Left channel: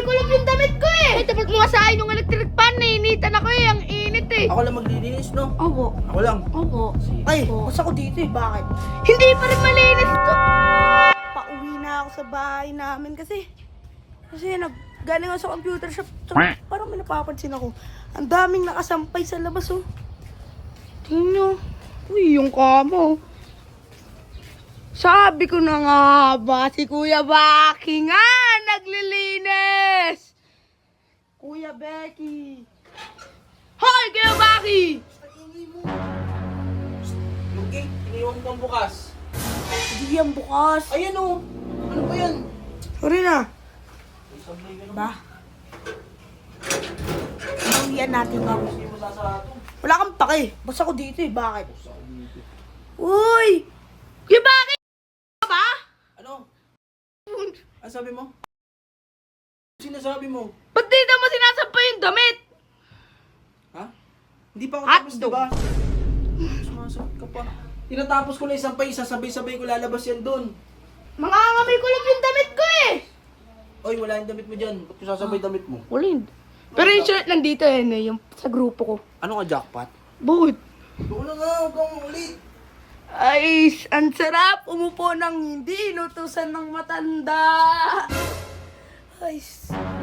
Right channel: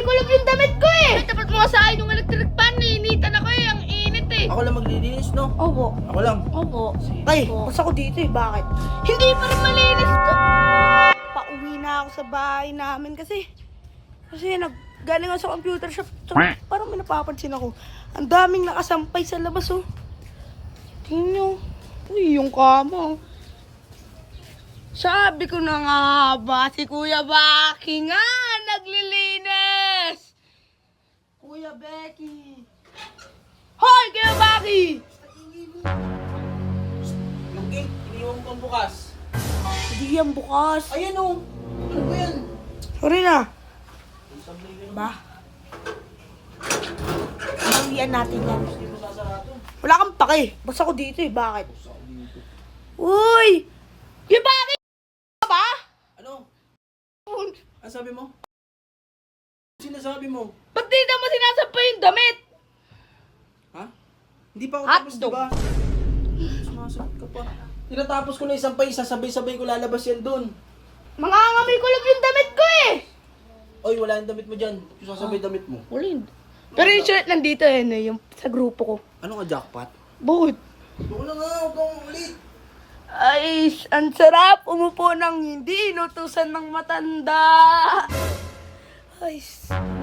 kulog yung damit ko eh. Ay, tapat mo nga sa akin yung electric fan. Nainitan ako eh. Ang init eh. Ako lang maglilinis, no? Opo. Ako lang. Opo. Ay, basta ko dito eh. Bakit? Hindi pa rin malinis to. Pauwi na ako sa bahay namin kasi galing ako sa computer shop. Parang may napapansin ako. Ang daming nakasampay sa labas oh. Tingnan nyo. Uy, yung kamo. Sabi ko na nga ba, si Kuya Baki nga naglilinis. Kuya Becky. Hoy, Kuya Baki! Luging, iniwan kang bukas. Hindi yan bukas. Ayan, oh. Ano ba yan? Sorry na. Sablay ka naman. Ba? Bawian natin yan. Hindi mo sasarado. Wala kang pake. Basta ko dito eh. Bakit? Uy! Kuya Baki! Ba? Ano? Ano sabi mo? Ano sinasabi mo? Ba't di naman sinasampay yung damit? Ha? Hindi pa ako tapos, Hotdog. diba? Sumasagot ka pa. Tinatapos ko na isang pa isa, sabay-sabay ko lalabas yan dun. Mangangamoy ko lang yung damit ko eh. Oy, wala yung damit mo dyan. Ba't yung sasabay damit mo? Wala yun. Pero yung shirt nandito yan eh. Yung sa grupo ko. Ano ka, jackpot? Bakit? Wala nga, huwag kang ulit. Ay, ang sarap. Umupo ng hindi inutusan ng matanda. Ay,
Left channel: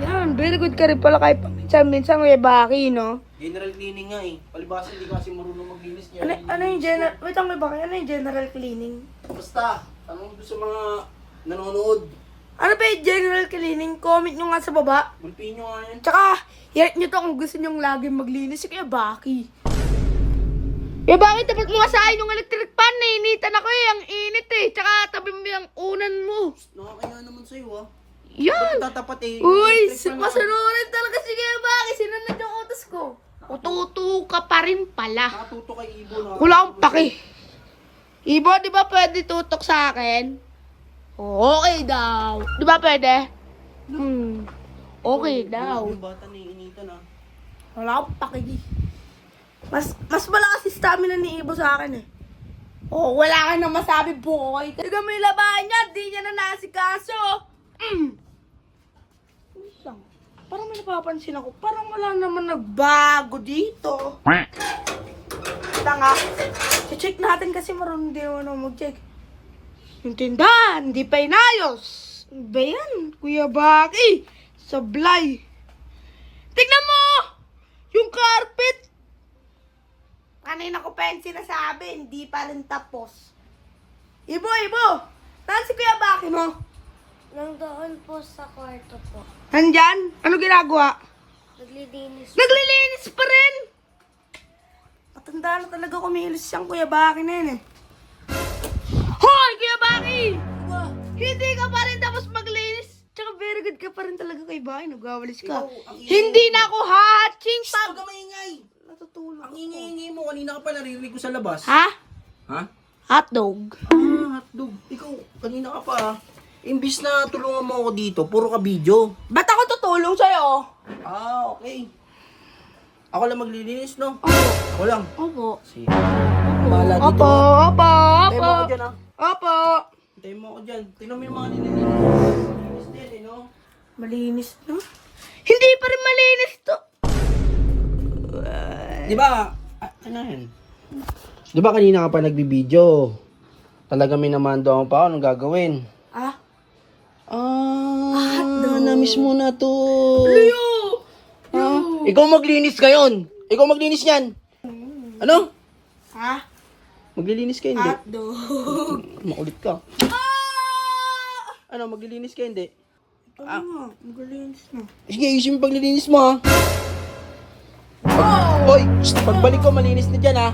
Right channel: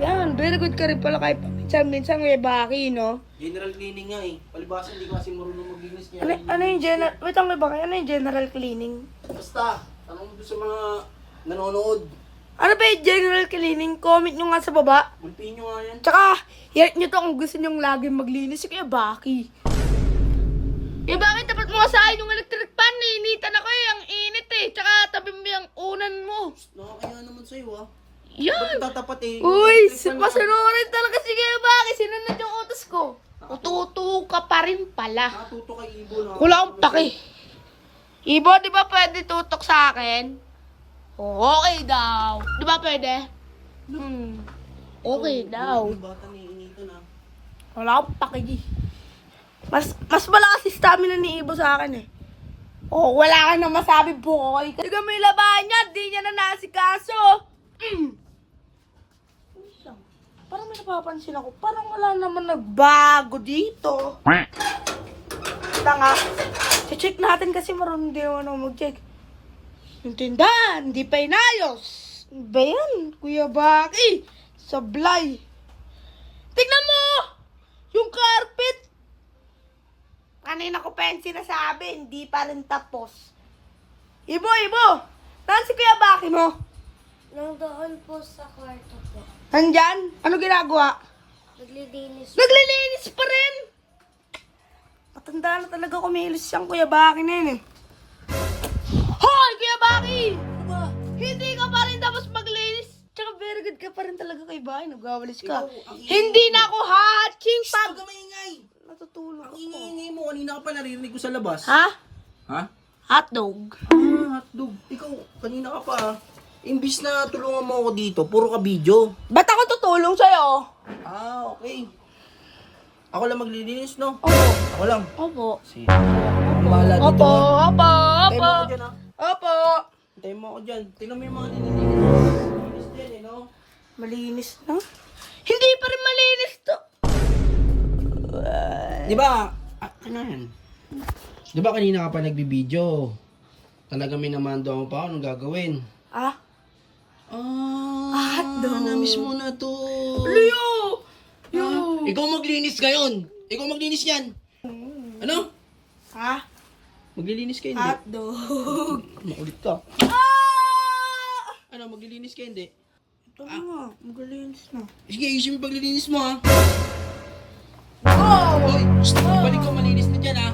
yan. Very good ka rin pala kahit minsan may baki, no? General cleaning nga eh. Palibasa hindi ka kasi marunong maglinis niya. Ano yung general... Wait lang, may baki. Ano yung general cleaning? Basta, tanong mo sa mga nanonood. Ano ba yung general cleaning? Comment nyo nga sa baba. Gulpiin nyo nga yan. Tsaka, hit nyo to kung gusto nyo lagi maglinis. Kaya baki. Bakit tapat mo nga sa akin yung electric fan? Nainitan ako eh. Ang init eh. Tsaka tabi mo yung unan mo. Nakakaya naman sa'yo ah. Yan. Ba't tatapat eh? Uy, Electric fan masunurin talaga si Kuya Baki. Sinunod yung utos ko. Ututo ka pa rin pala. Nakatuto kay Ibo na. Wala akong pake. Ibo, di ba pwede tutok sa akin? Okay daw. Di ba pwede? Okay daw. Yung bata na iinitan ah. Wala akong pakigi. Mas malakas si stamina ni Ibo sa akin eh. Oh, wala ka nang masabi, boy. Tiga mo yung labahan niya, di niya na nasikaso. Isang, parang may napapansin ako. Parang wala naman nagbago dito. Tanga. I-check natin kasi marunong din naman mag-check. Yung tindahan, hindi pa inayos. Ano ba yan, Kuya Baki? Sablay. Tignan mo! Yung carpet. Kanina ko pa yung sinasabi, hindi pa rin tapos. Ibo! Saan si Kuya Baki mo? Nandoon po sa kwarto po. Nandyan? Ano ginagawa? Naglilinis. Naglilinis pa rin! Matanda na talaga kumilos siyang Kuya Baki na yun eh. Hoy! Kuya Baki! Diba? Hindi ka pa rin tapos maglinis. Tsaka very good ka pa rin talaga kay Baki. Nagwawalis ka. Ikaw, ang ingay Hindi mo. na ako hatching pag... Huwag ka maingay. Natutulog Ang ako. ingay-ingay mo. Kanina ka pa naririnig ko sa labas. Ha? Ha? Hotdog. Hotdog. Ikaw, kanina ka pa ah. Imbis na tulungan mo ako dito, puro ka video. Ba't ako tutulong sa'yo? Ah, okay. Ako lang maglilinis, no? Opo. Ako lang. Opo. Sige. Ang bahala dito. Opo. ah. Opo. Tayo mo ako dyan, ah. Opo. Tayo mo ako dyan. Tingnan mo yung mga nililinis. Nililinis din, eh, no? Malinis na? Hindi pa rin malinis to. Di ba? Ano yan? Di ba kanina ka pa nagbibideo? Talaga may namando ako pa. Anong gagawin? Ah? Na-miss mo na to. Leo! Ikaw maglinis ngayon. Ikaw maglinis yan. Ano? Ha? Maglilinis ka hindi? Hotdog. Makulit ka. Ano, maglilinis ka hindi? Ah, magalinis na. Sige, ayusin mo yung paglilinis mo ha. Hoy, pagbalik ko malinis na dyan ha.